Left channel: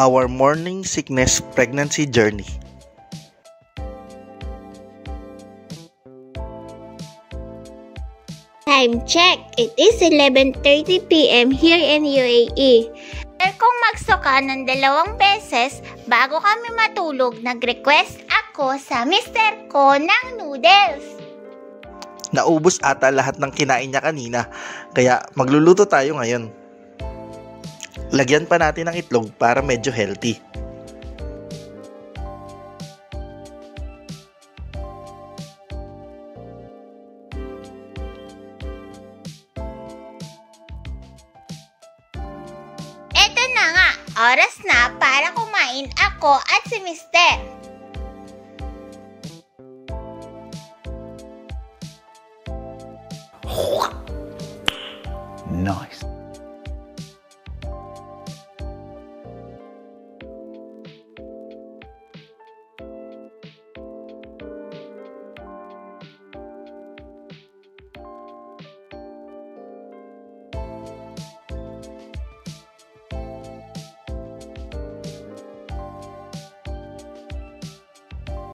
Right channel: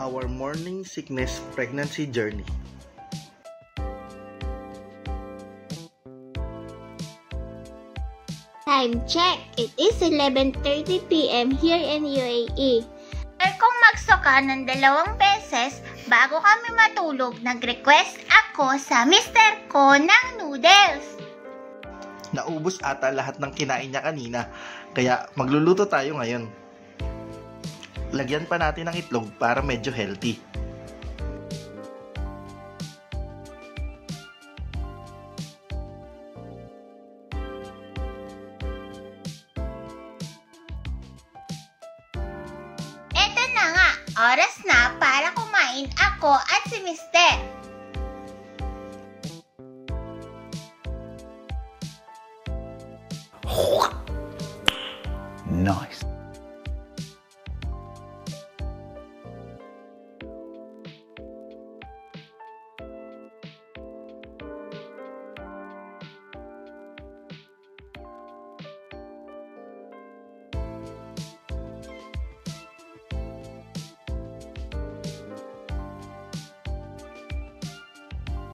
Our morning sickness pregnancy journey. Time check. It is 11:30 p.m. here in UAE. Kung magsuka ng 2 beses bago kami matulog, nag-request ako sa mister ko ng noodles. Naubos ata lahat ng kinain niya kanina, kaya magluluto tayo ngayon. Lagyan pa natin ng itlog para medyo healthy. Eto na nga, oras na para kumain ako at si mister. Nice.